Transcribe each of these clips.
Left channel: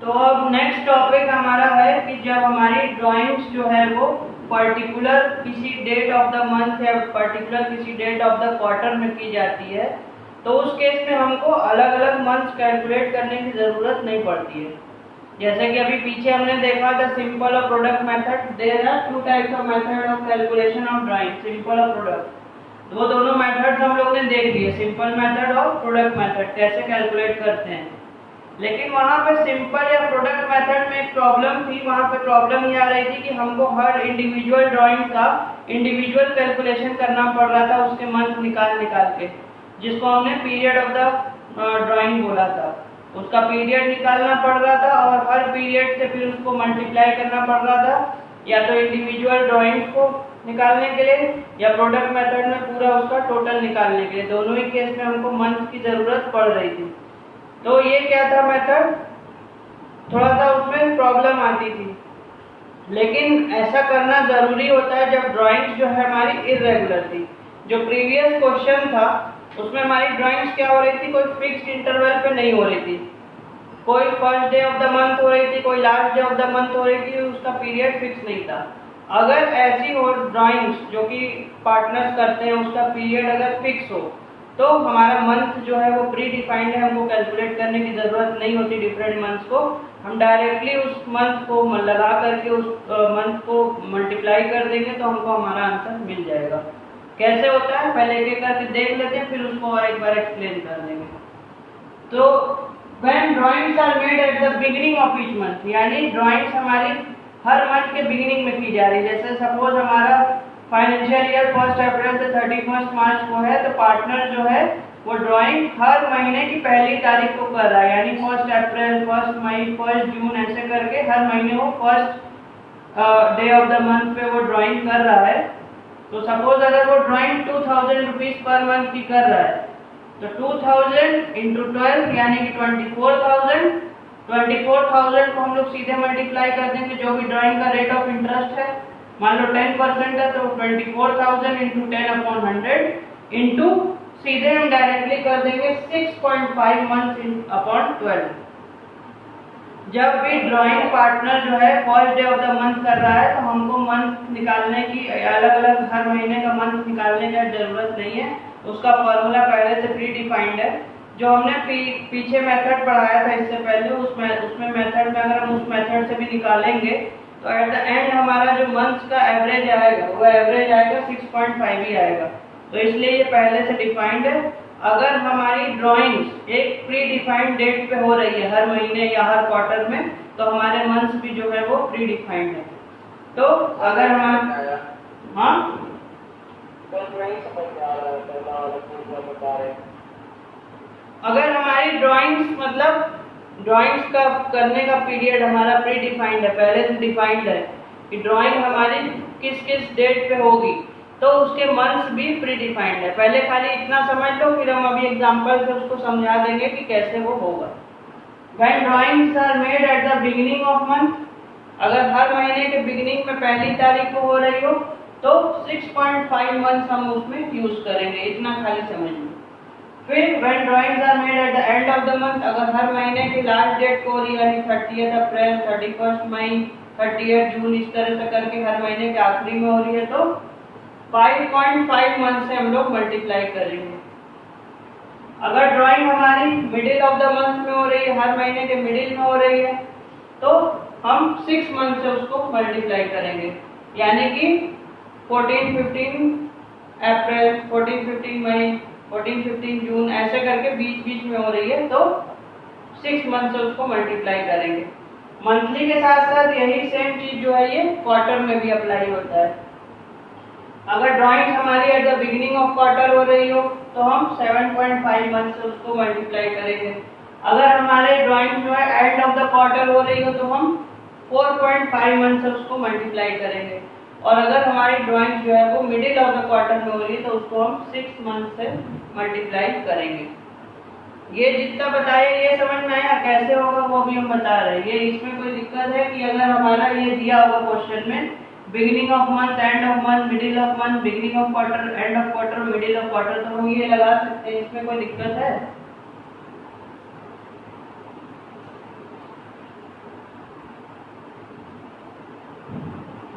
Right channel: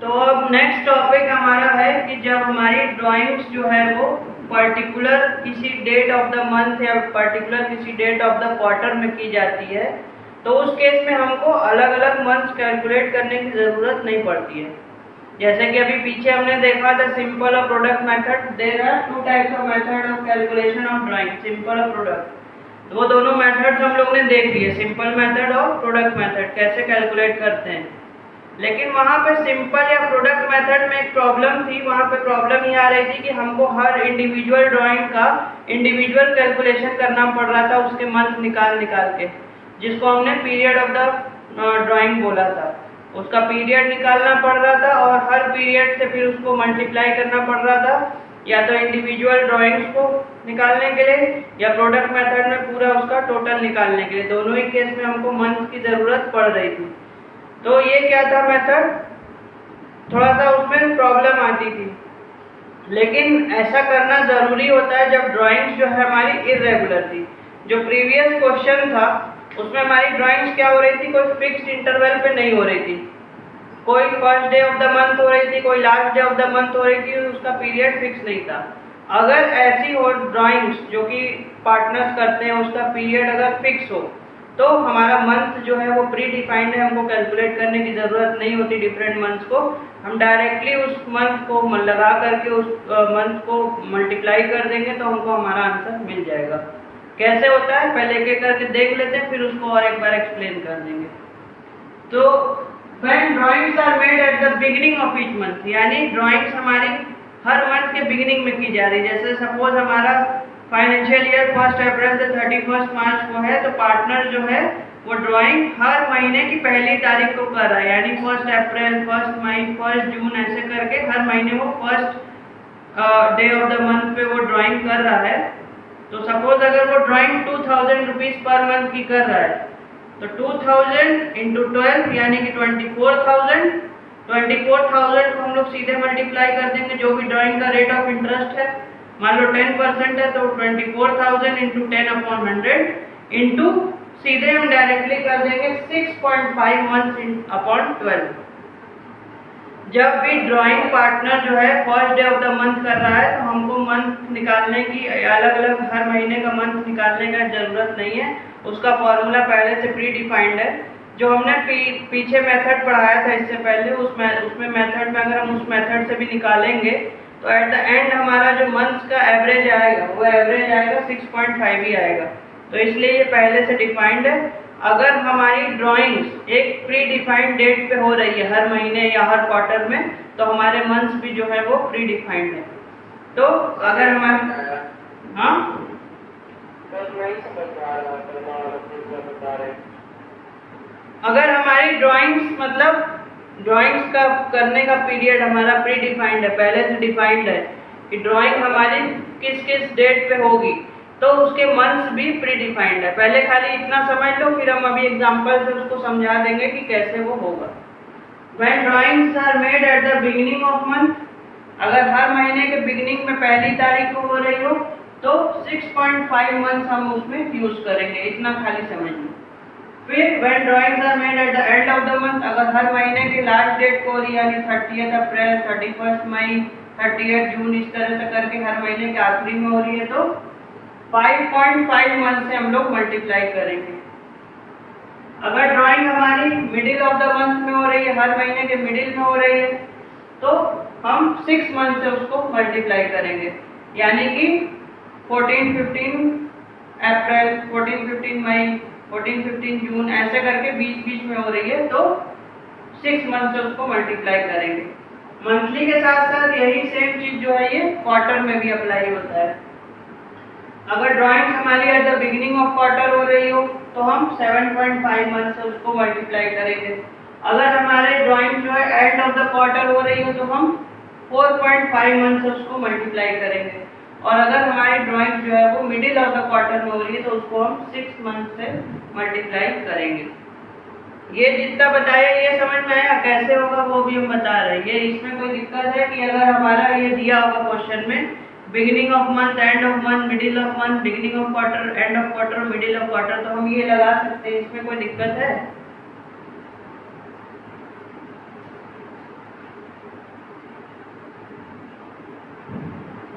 तो अब next topic हमारा है कि जब हमारी ड्राइंग्स जो है वो पर्टिकुलर किसी डेट ऑफ द मंथ या पर्टिकुलर किसी डेट ऑफ द क्वार्टर में की जाती है, तो उस केस में हमको अलग अलग मंथ्स कैलकुलेट करने की ज़रूरत नहीं पड़ती है। जैसे कि अभी पीछे हमने देखा था सिंपल और product method. There are two types of method of calculation of drawing, simple और प्रोडक्ट। वो दोनों मेथड्स हम लोग ने देख लिए, सिंपल मेथड और प्रोडक्ट मेथड कैसे कैलकुलेट करते हैं। लेकिन वहाँ पे सिंपल या प्रोडक्ट मेथड में एक प्रॉब्लम थी। वहाँ पे प्रॉब्लम ये आ रही थी कि हमको हर इंडिविजुअल ड्राइंग का इंडिविजुअल कैलकुलेशन करना पड़ रहा था, उसके मंथ निकाल के, जिसको हमने पीरियड ऑफ द ड्राइंग बोला था। उसका पीरियड निकालना पड़ रहा था और हर पीरियड से फिर उसको मल्टीप्लाई करना पड़ रहा था, या तो इंडिविजुअल ड्राइंग्स को निकालने के लिए या प्रोडक्ट मेथड में पूरा उसका टोटल निकालने के लिए। दोनों ही केस में हमको मंथ की ज़रूरत पड़ रही थी। तो ये क्या था मेथड, थोड़ा सा उसमें प्रॉब्लम आती थी। लेकिन ऐसा करना ज़रूरी होता है जब ड्राइंग्स जो है हमारी इरेगुलर थी। जो प्रीवियस क्वेश्चन था उसमें हमारी ड्राइंग्स क्या हो रही थी, कोई फिक्स्ड इंटरवल पे नहीं हो रही थी। कोई first day of the month हो रही थी, कोई last day of the month हो रही थी, उसका पीरियड फिक्स नहीं था। अगर ऐसी हो ड्राइंग्स जो कि पार्टनर्स करते हैं, उसका पीरियड अगर फिक्स हो तो हमारा मंथ जो है वो प्री डिफाइंड है, हमको कैलकुलेट करने की ज़रूरत नहीं होती डिफरेंट मंथ्स को। हम डायरेक्टली उस मंथ को लगा करके उस मंथ को मल्टीप्लाई कर देंगे तो हमको हमारा आंसर मिल जाएगा। कैसे होता है पहले एक एक करके देख लेते हैं, फिर उसको और एक बार एक्सप्लेन कर देंगे। तो when drawings are made at the beginning of each month, यानी ड्राइंग्स हमारी हर मंथ के बिगिनिंग में की जा रही है। जैसे सपोज हमारा फाइनेंशियल ईयर 1 अप्रैल से 31 मार्च को है, तो पार्टनर जो है वो ड्राइंग हर महीने की पहली तारीख को कर रहा है, यानी 1 अप्रैल, 1 मई, 1 जून, ऐसे करके हर महीने वो first day of the month पे वो ड्राइंग कर रहा है। तो सपोज अगर वो ड्राइंग 2000 रुपीज पर मंथ की कर रहा है, तो 2000 इंटू 12 यानी कि 24,000। 24,000 को हम लोग सीधे मल्टीप्लाई कर देंगे, जो भी ड्राइंग का रेट ऑफ इंटरेस्ट है, मान लो 10% है तो 24,000 इंटू 10/100 इंटू सीधे हम डायरेक्टली कर देंगे 6.5 मंथ अपॉन 12। जब भी ड्राइंग पार्टनर जो है first day of the month कर रहा है तो हमको मंथ निकालने की, अलग अलग हर महीने का मंथ निकालने का जरूरत नहीं है। उसका फॉर्मूला पहले से प्री डिफाइंड है, जो हमने पीछे मेथड पढ़ाया था इससे पहले, उसमें मेथड में अगर हम उस मेथड से भी निकालेंगे तो एट द एंड हमारा जो मंथ का एवरेज आएगा वो एवरेज आएगा 6.5 ही आएगा। तो इसलिए ये पहले से डिफाइंड है। अगर हमारी ड्राइंग्स एक प्री डिफाइंड डेट पे हो रही है, हर महीने या हर क्वार्टर में, तो हमारे मंथ्स भी जो है वो प्री डिफाइंड है। तो अगर हमारे अगर हमारी ड्राइंग्स मतलब ड्राइंग्स का करने का पीरियड हमारा प्री डिफाइंड है, पहले से डिफाइंड है कि ड्राइंग हमारी किस किस डेट पे होगी, तो उसके मंथ्स भी प्री डिफाइंड है। पहले खाली इतना समझ लो, फिर हम अभी एग्जांपल से उसको समझा देंगे कि कैसे वो होगा। When drawings are made at the beginning of month, अगर हर महीने के बिगिनिंग में पहली तारीख को हो रही हो तो 6.5 मंथ हम उसमें यूज करेंगे, इतना खाली समझ लो। फिर when drawings are made at the end of the month, अगर हर महीने की लास्ट डेट को हो रही है, यानी 30 अप्रैल, 31 मई, 30 जून, इस तरह से करके हर महीने के आखिरी में हो रही है, तो 5.5 मंथ से हम लोग मल्टीप्लाई करेंगे। अगर ड्राइंग हमारी मिडिल ऑफ द मंथ में हो रही है, हर महीने के मिडिल में हो रही है, तो हम 6 मंथ से उसको मल्टीप्लाई करेंगे, यानी कि 14-15 अप्रैल, 14-15 मई, 14-15 जून, ऐसे करके बीच बीच में हो रही है, तो 6 मंथ से उसको मल्टीप्लाई करेंगे। मंथली के साथ साथ यही सेम चीज जो है ये क्वार्टर में भी अप्लाई होता है। अगर ड्राइंग हमारी eight the beginning of quarter हो रही हो तो हम 7.5 मंथ से उसको मल्टीप्लाई करेंगे। अगर हमारे ड्राइंग जो है एंड ऑफ द क्वार्टर हो रही हो तो हम 4.5 मंथ से उसको मल्टीप्लाई करेंगे। और अगर हमारी ड्राइंग जो है वो मिडिल ऑफ द क्वार्टर में हो रही है तो उसको हम 6 मंथ से मल्टीप्लाई करेंगे। ये जितना बताया ये समझ में आया, कैसे होगा वो भी हम बता रहे हैं। ये इसमें कोई दिक्कत है कि अगर हमारा ये दिया होगा क्वेश्चन में beginning of month, end of month, middle of month, beginning of quarter, end of quarter, middle of quarter, तो हम ये लगा सकते हैं, इसमें कोई दिक्कत है?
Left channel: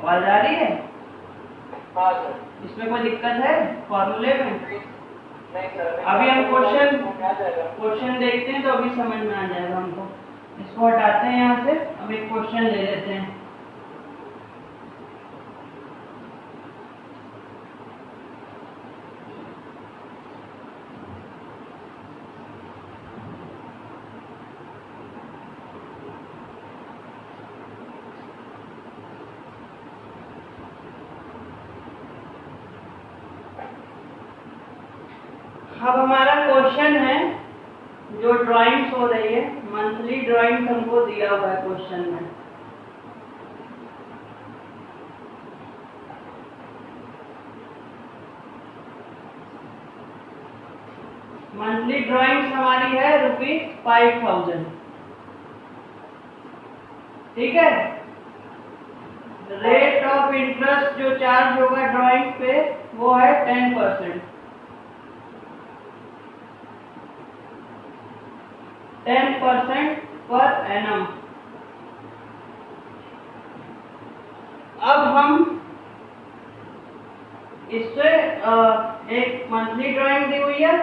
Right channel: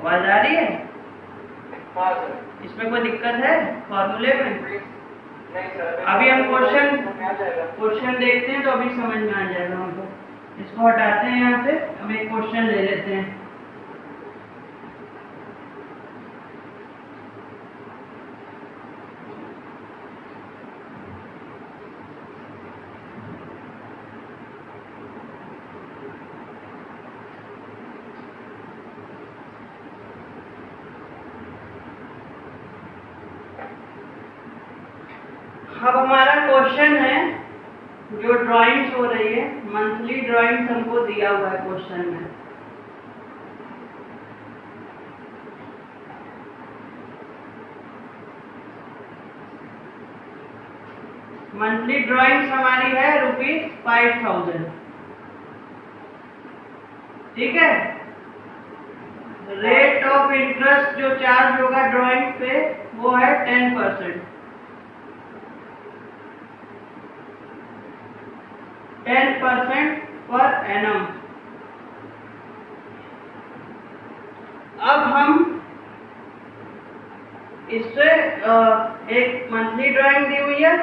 आवाज आ रही है? हाँ सर। इसमें कोई दिक्कत है फॉर्मूले में? नहीं सर। अभी हम क्वेश्चन आ जाएगा। देखते हैं तो अभी समझ में आ जाएगा हमको। इसको हटाते हैं यहाँ से, अब एक क्वेश्चन ले लेते हैं। अब हमारा क्वेश्चन है, जो ड्राइंग्स हो रही है, मंथली ड्राइंग्स हमको दिया हुआ है क्वेश्चन में। मंथली ड्राइंग्स हमारी है ₹5000। ठीक है। रेट ऑफ इंटरेस्ट जो चार्ज होगा ड्राइंग पे वो है 10%। 10% पर एनम। अब हम इससे एक मंथली ड्राइंग दी हुई है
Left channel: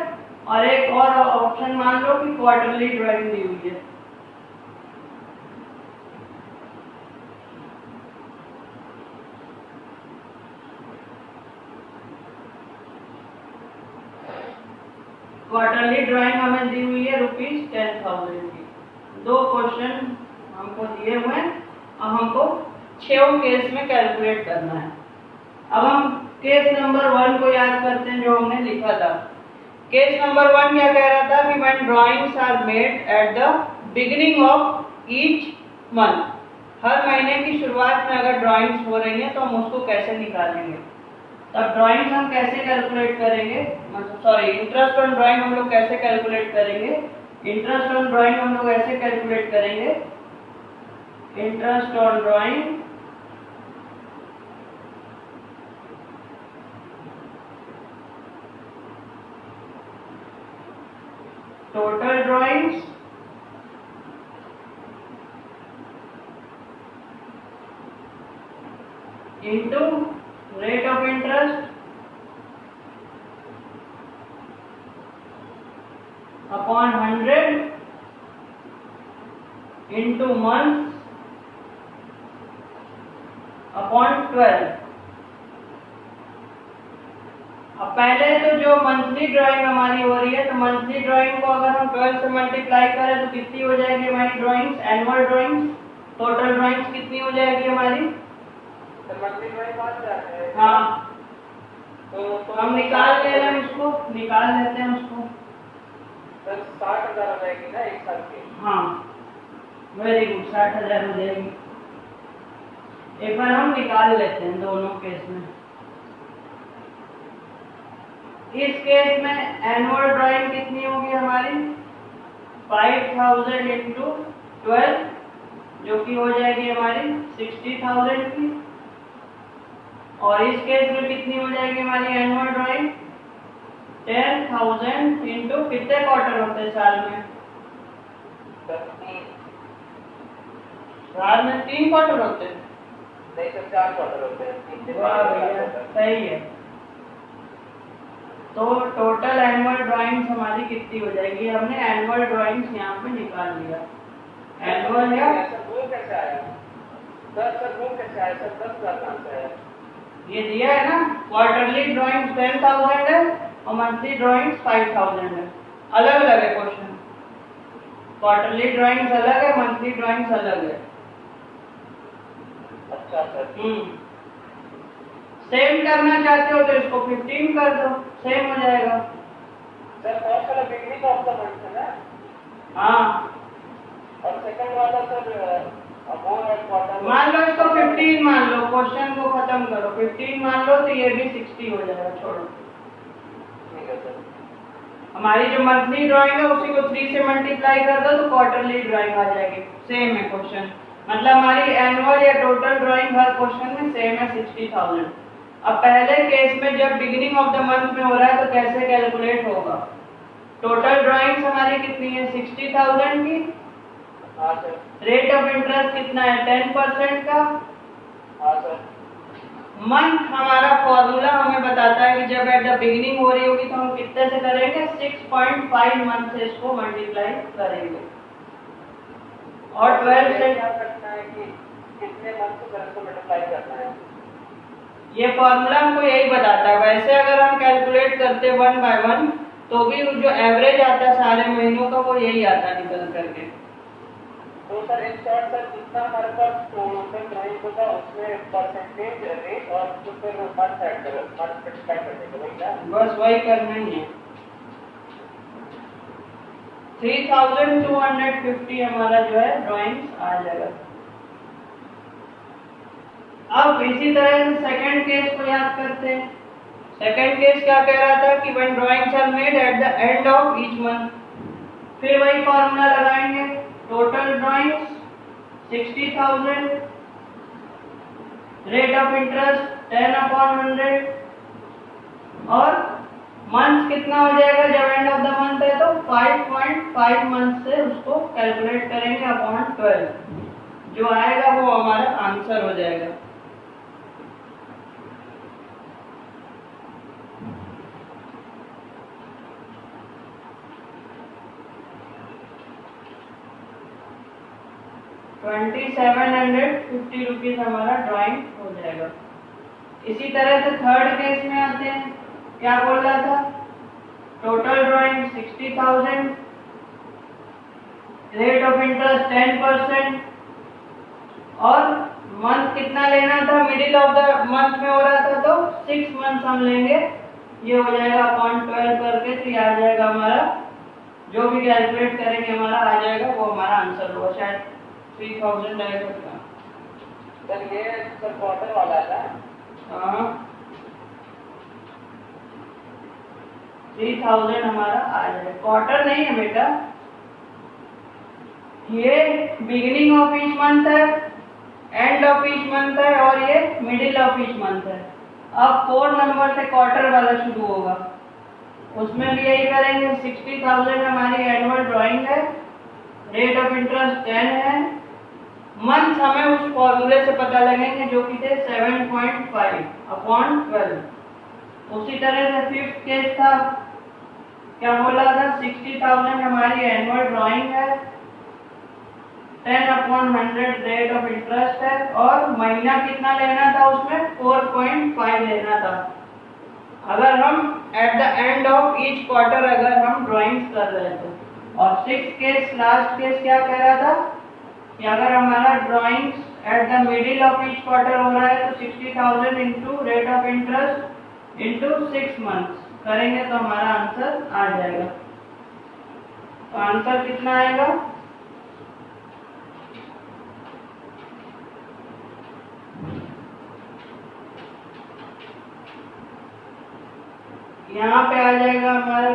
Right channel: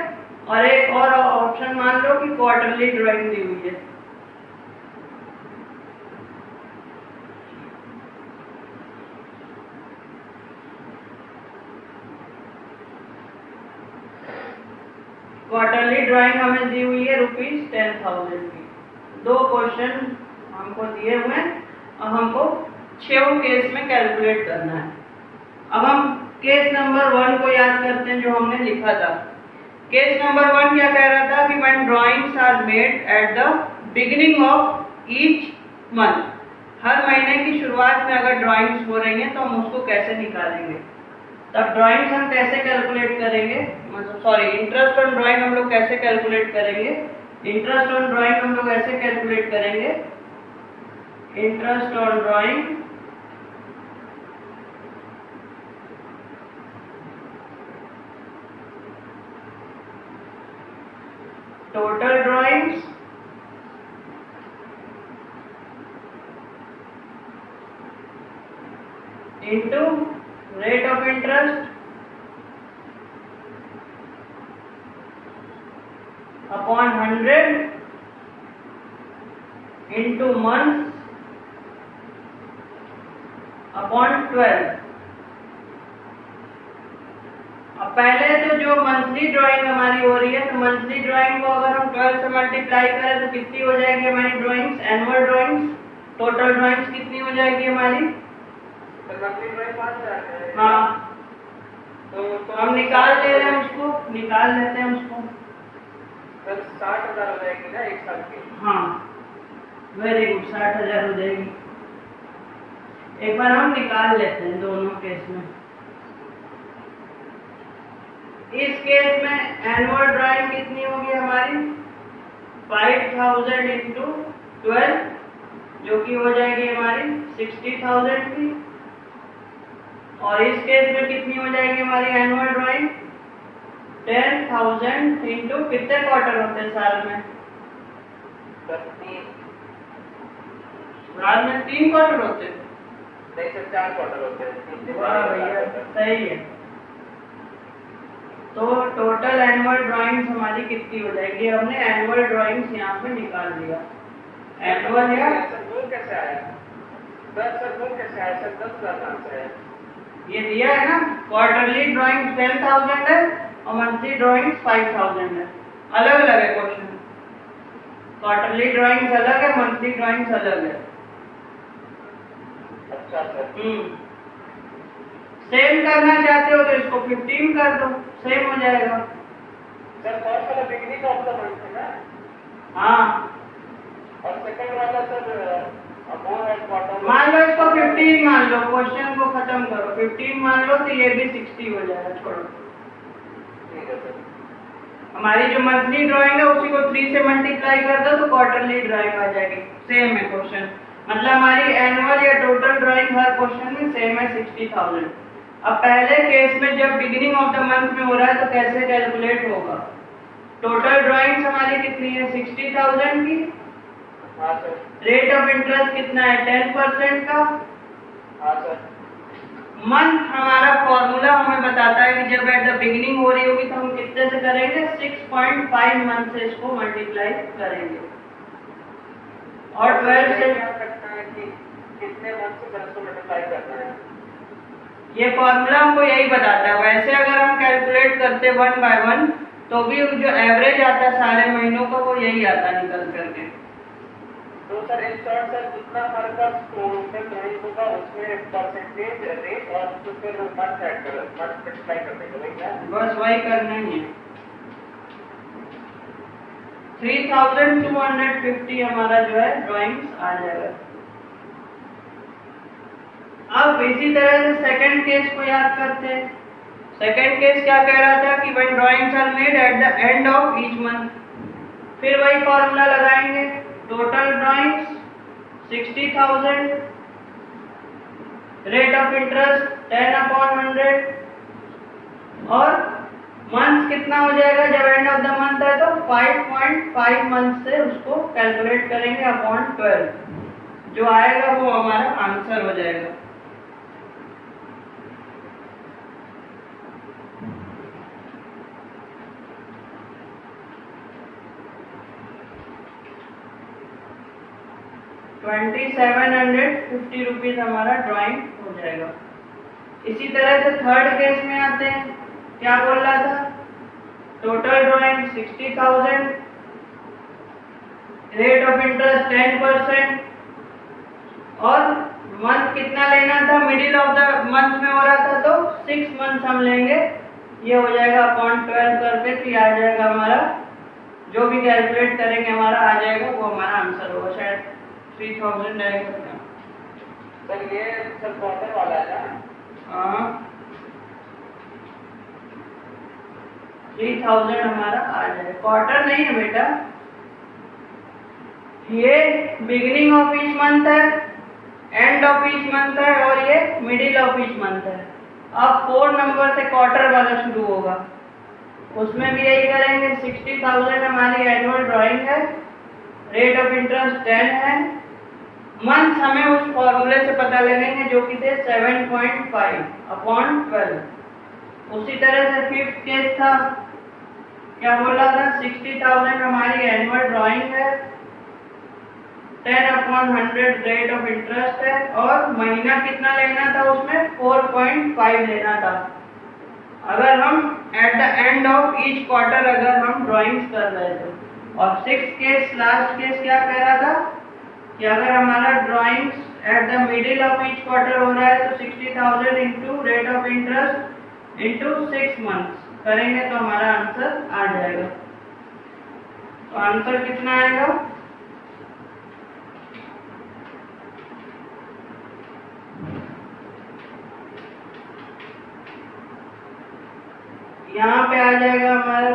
और एक और ऑप्शन मान लो कि क्वार्टरली ड्राइंग दी हुई है। क्वार्टरली ड्राइंग हमें दी हुई है ₹10,000 की। 2 क्वेश्चन हमको दिए हुए हैं और हमको 6 केस में कैलकुलेट करना है। अब हम केस नंबर 1 को याद करते हैं जो हमने लिखा था। केस नंबर 1 क्या कह रहा था कि when drawings are made at the beginning of each month. हर महीने की शुरुआत में अगर ड्राइंग्स हो रही हैं तो हम उसको कैसे निकालेंगे। तब ड्राइंग्स हम कैसे कैलकुलेट करेंगे, मतलब सॉरी इंटरेस्ट ऑन ड्राइंग हम लोग कैसे कैलकुलेट करेंगे। इंटरेस्ट ऑन ड्राइंग हम लोग ऐसे कैलकुलेट करेंगे, interest on drawing total drawings into rate of interest upon 100 into month upon 12। अब पहले तो जो मंथली ड्राइंग हमारी हो रही है, तो मंथली ड्राइंग को अगर हम 12 से मल्टीप्लाई करें तो कितनी हो जाएगी हमारी drawings, annual drawings, total drawings कितनी हो जाएगी हमारी? मंथली ड्राइंग 5,000 है। हाँ, तो हम निकाल ले रहे हैं उसको, निकाल लेते हैं उसको। 60,000 हो जाएगी ना एक साल की। हाँ वेरी गुड, 60,000 हो जाएगी। एक बार हम निकाल लेते हैं दोनों केस में। इस केस में एनुअल ड्राइंग कितनी होगी हमारी 5000 इंटू 12 जो कि हो जाएगी हमारी 60,000 की। और इस केस में कितनी हो जाएगी हमारी एनुअल ड्राइंग 10,000 इंटू कितने क्वार्टर होते हैं साल में? साल में 3 क्वार्टर होते हैं। नहीं सर 4 क्वार्टर होते हैं। वाह भैया सही है। तो टोटल एनुअल ड्राइंग्स हमारी कितनी हो जाएगी? हमने एनुअल ड्राइंग्स यहाँ पे निकाल लिया। एनुअल है सर वो कैसे आया? सर वो कैसे आया सर? 10,000 कहाँ से आया? ये दिया है ना, क्वार्टरली ड्राइंग्स 10,000 है और मंथली ड्राइंग्स 5,000 है। अलग अलग है क्वेश्चन, क्वार्टरली ड्राइंग्स अलग है, मंथली ड्राइंग्स अलग है। अच्छा सर। सेम करना चाहते हो तो इसको 15 कर दो, सेम हो जाएगा। सर फर्स्ट वाला बिगनिंग ऑफ द मंथ है ना? हाँ, और सेकंड वाला सर वो है क्वार्टर। मान लो इसको 15 मान लो, क्वेश्चन को खत्म करो। 15 मान लो तो ये भी 60 हो जाएगा। छोड़ो, ठीक है सर। हमारी जो मंथली ड्राइंग है उसी को 3 से मल्टीप्लाई कर दो तो क्वार्टरली ड्राइंग आ जाएगी। सेम है क्वेश्चन, मतलब हमारी एनुअल या टोटल ड्राइंग हर क्वेश्चन में सेम है 60,000। अब पहले केस में जब बिगिनिंग ऑफ द मंथ में हो रहा है तो कैसे कैलकुलेट होगा? टोटल ड्राइंग्स हमारी कितनी है 60,000 की। हाँ सर। रेट ऑफ इंटरेस्ट कितना है 10% का। हाँ सर। मंथ हमारा फॉर्मूला हमें बताता है कि जब एट द बिगिनिंग हो रही होगी तो हम कितने से करेंगे, 6.5 मंथ से इसको मल्टीप्लाई करेंगे। और 12 से क्या करना है कि कितने मंथ से इसको मल्टीप्लाई करना है, ये फॉर्मूला हमको यही बताता है। वैसे अगर हम कैलकुलेट करते 1 बाय 1 तो भी जो एवरेज आता है सारे महीनों का वो यही आता निकल करके। तो सर इन शॉर्ट सर जितना हमारे पास टोटल ड्राइंग होगा उसमें परसेंटेज रेट और तो फिर मंथ ऐड कर मंथ मल्टीप्लाई कर देंगे, वही ना? बस वही करना ही है। 3250 हमारा जो है ड्राइंग्स आ जाएगा। अब इसी तरह से सेकंड केस को याद करते हैं। सेकंड केस क्या कह रहा था कि when drawings are made at the end of each month, फिर वही फॉर्मूला लगाएंगे। Total drawings 60,000, rate of interest 10/100 और मंथ कितना हो जाएगा जब एंड ऑफ द मंथ है तो 5.5 मंथ से उसको कैलकुलेट करेंगे अपॉन 12, जो आएगा वो हमारा आंसर हो जाएगा। ₹2750 हमारा ड्राइंग हो जाएगा। इसी तरह से थर्ड केस में आते हैं। क्या बोल रहा था, total drawing 60,000, rate of interest 10% और मंथ कितना लेना था, मिडिल ऑफ द मंथ में हो रहा था तो 6 मंथ हम लेंगे। ये हो जाएगा अपॉन 12 करके, तो ये आ जाएगा हमारा, जो भी कैलकुलेट करेंगे हमारा आ जाएगा, वो हमारा आंसर होगा। शायद 3000 आएगा क्या? सर ये सर क्वार्टर वाला है ना? हाँ, 3000 हमारा आ जाएगा। क्वार्टर नहीं है बेटा, ये बिगिनिंग ऑफ ईच मंथ है, एंड ऑफ ईच मंथ है और ये मिडिल ऑफ ईच मंथ है। अब 4 नंबर से क्वार्टर वाला शुरू होगा, उसमें भी यही करेंगे। 60,000 हमारी एनुअल ड्राइंग है, रेट ऑफ इंटरेस्ट 10 है, मंथ हमें उस फॉर्मूले से पता लगेंगे जो कि थे 7.5/12। उसी तरह से फिफ्थ केस था, क्या बोला था, 60,000 हमारी एनुअल ड्राइंग है, 10/100 रेट ऑफ इंटरेस्ट है और महीना कितना लेना था उसमें 4.5 लेना था। अगर हम eight the end of each quarter अगर हम ड्राइंग्स कर रहे थे। और सिक्स केस लास्ट केस क्या कह रहा था कि अगर हमारा drawings at the middle of each quarter हो रहा है तो 60,000 into rate of interest into 6 months करेंगे तो हमारा आंसर आ जाएगा। तो आंसर कितना आएगा, यहाँ पे आ जाएगा हमारा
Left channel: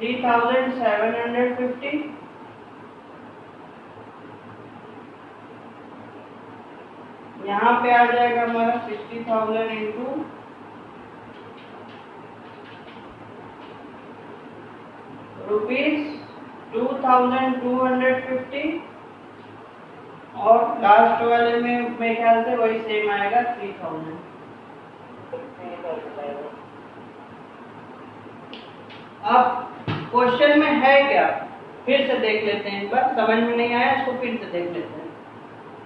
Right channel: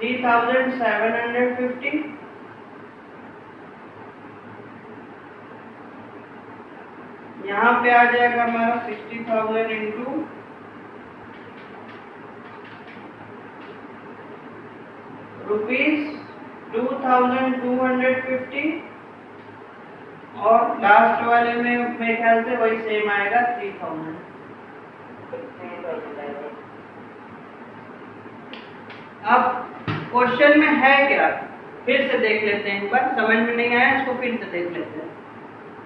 ₹3,750। यहाँ पे आ जाएगा हमारा 60,000 इंटू ₹2,250 और लास्ट वाले में मेरे ख्याल से वही सेम आएगा 3,000। अब क्वेश्चन में है क्या, फिर से देख लेते हैं एक बार, समझ में नहीं आया इसको फिर से देख लेते हैं।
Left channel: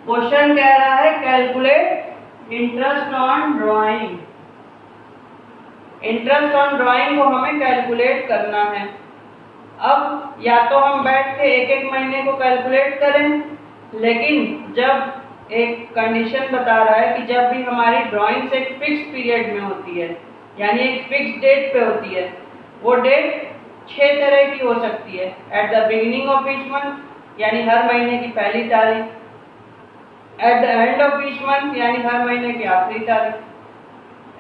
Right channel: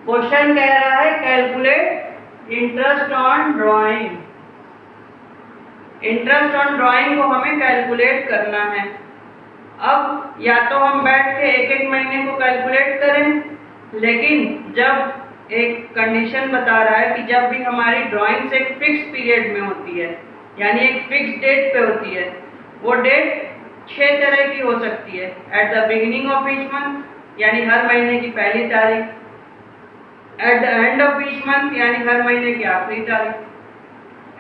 क्वेश्चन कह रहा है calculate interest on drawing. Interest on drawing को हमें कैलकुलेट करना है। अब या तो हम बैठ के एक एक महीने को कैलकुलेट करें, लेकिन जब एक कंडीशन बता रहा है कि जब भी हमारी ड्राइंग्स एक फिक्स पीरियड में होती है, यानी एक फिक्स डेट पे होती है, वो डेट 6 तरह की हो सकती है। At the beginning of each month यानी हर महीने की पहली तारीख, at the end of each month यानी हर महीने की आखिरी तारीख,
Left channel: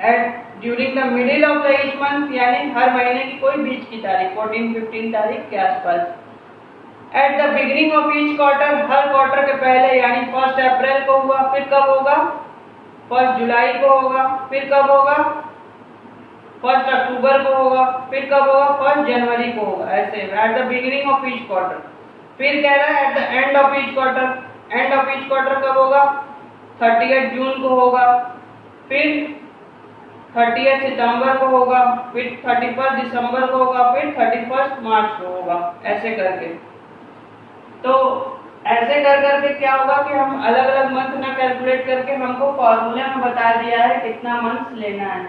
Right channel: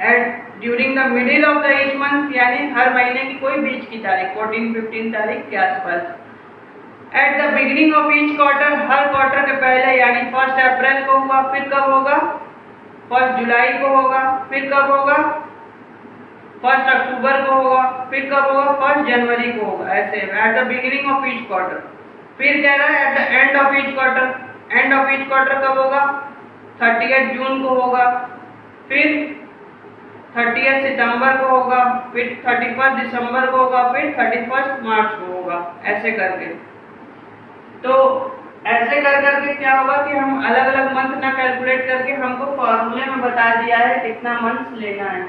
at during the middle of the each month यानी हर महीने की कोई बीच की तारीख 14-15 तारीख के आसपास, eight the beginning of each quarter her quarter के पहले यानी 1 अप्रैल को हुआ, फिर कब होगा 1 जुलाई को होगा, फिर कब होगा 1 अक्टूबर को होगा, फिर कब होगा 1 जनवरी को होगा। ऐसे eight the beginning of each quarter. फिर कह रहा है at the end of each quarter. And of each quarter कब होगा 30 जून को होगा, फिर 30 सितंबर को होगा, फिर 31 दिसंबर को होगा, फिर 31 मार्च को होगा, ऐसे करके। तो ऐसे कर करके क्या होगा कि हम अलग अलग मंथ ना कैलकुलेट करके हमको फॉर्मूले में बता दिया है कितना मंथ लेना है।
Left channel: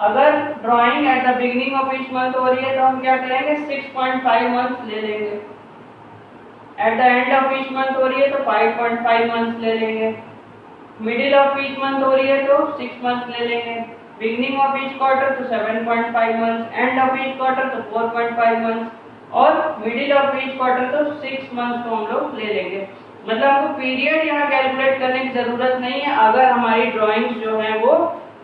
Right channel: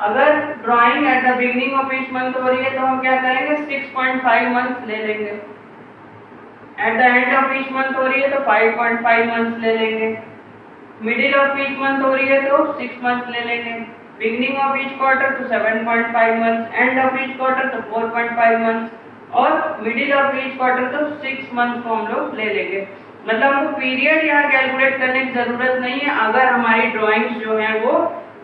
अगर drawing eight the beginning of each month हो रही है तो हम क्या करेंगे, 6.5 मंथ ले लेंगे। Eight the end of each month हो रही है तो 5.5 मंथ ले लेंगे। मिडिल ऑफ ईच मंथ हो रही है तो 6 मंथ ले लेंगे। बिगिनिंग ऑफ ईच क्वार्टर तो 7.5 month, and of each quarter तो 4.5 मंथ और मिडिल ऑफ ईच क्वार्टर तो 6 मंथ को हम लोग ले लेंगे। मतलब हमको पीरियड यहाँ कैलकुलेट करने की जरूरत नहीं है। अगर हमारी ड्राइंग्स जो है वो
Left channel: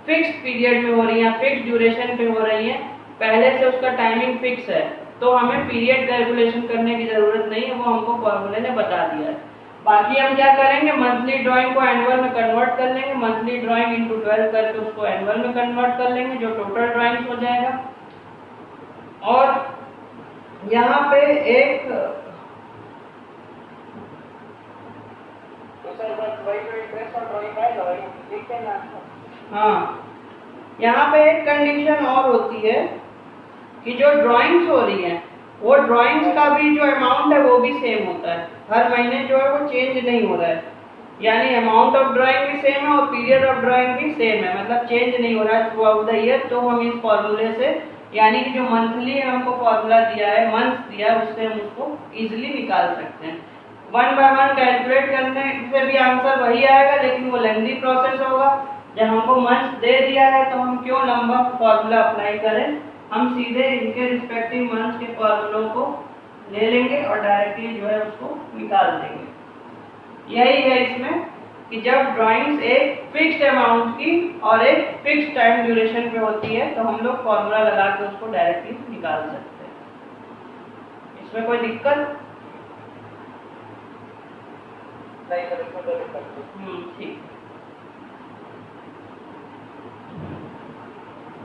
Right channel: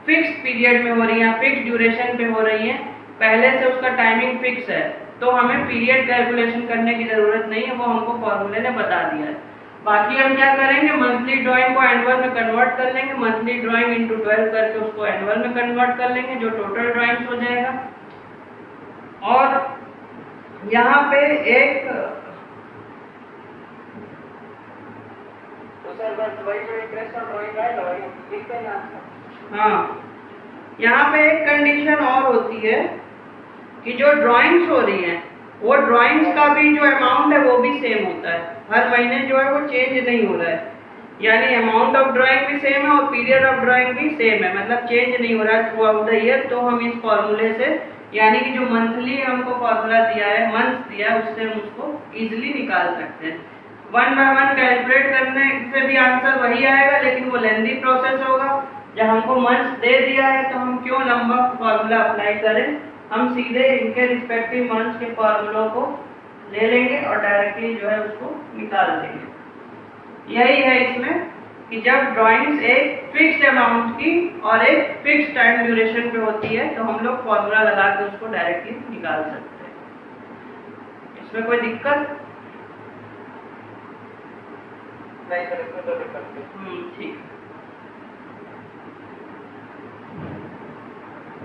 फिक्स पीरियड में हो रही है, फिक्स ड्यूरेशन पे हो रही है, पहले से उसका टाइमिंग फिक्स है, तो हमें पीरियड कैलकुलेशन करने की जरूरत नहीं है, वो हमको फॉर्मूले ने बता दिया है। बाकी हम क्या करेंगे, मंथली ड्राइंग को एनुअल में कन्वर्ट कर लेंगे, मंथली ड्राइंग इंटू 12 करके उसको एनुअल में कन्वर्ट कर लेंगे, जो टोटल ड्राइंग्स हो जाएगा। और यहाँ पे एक तो सर बस वही जो इंटरेस्ट ऑन ड्राइंग है वही लिखते हैं ना। हाँ, यहाँ पे एक कंडीशन और होती है कि जो ड्राइंग्स हो रही हैं वो ड्राइंग्स का भी जो अमाउंट है वो भी सेम होता है, हर महीने जो है वो चेंज नहीं हो रहा है। यानी अमाउंट ऑफ ड्राइंग भी सेम है और पीरियड ऑफ ड्राइंग भी सेम है, मतलब चेंज नहीं हो रहा है थ्रू आउट द ईयर। तो हम इस फॉर्मूले से, यानी कि जो मंथली हमको फॉर्मूला दिया है, मंथ दिया है, उससे हम उसको इजिली निकाल सकते हैं। 1 बाय 1 कैलकुलेट करने से भी आंसर वही आएगा, लेकिन वो लेंथी प्रोसेस होगा। जब हमको मंथ दे दिया है तो हम क्यों लंबा फॉर्मूला अप्लाई करें, हम सीधे इनके रिस्पेक्टिव मंथ के फॉर्मूलों को ले लेंगे और डायरेक्टली जो है उसको निकाल देंगे। यही है इसमें कि जब ड्राइंग्स एक फिक्स्ड अमाउंट की और एक फिक्स्ड टाइम ड्यूरेशन पे होती है तो हम लोग फॉर्मूला लगा के उसको डायरेक्टली निकाल सकते हैं। इसमें कोई दिक्कत नहीं सर, इसमें तो दिक्कत नहीं। ठीक है।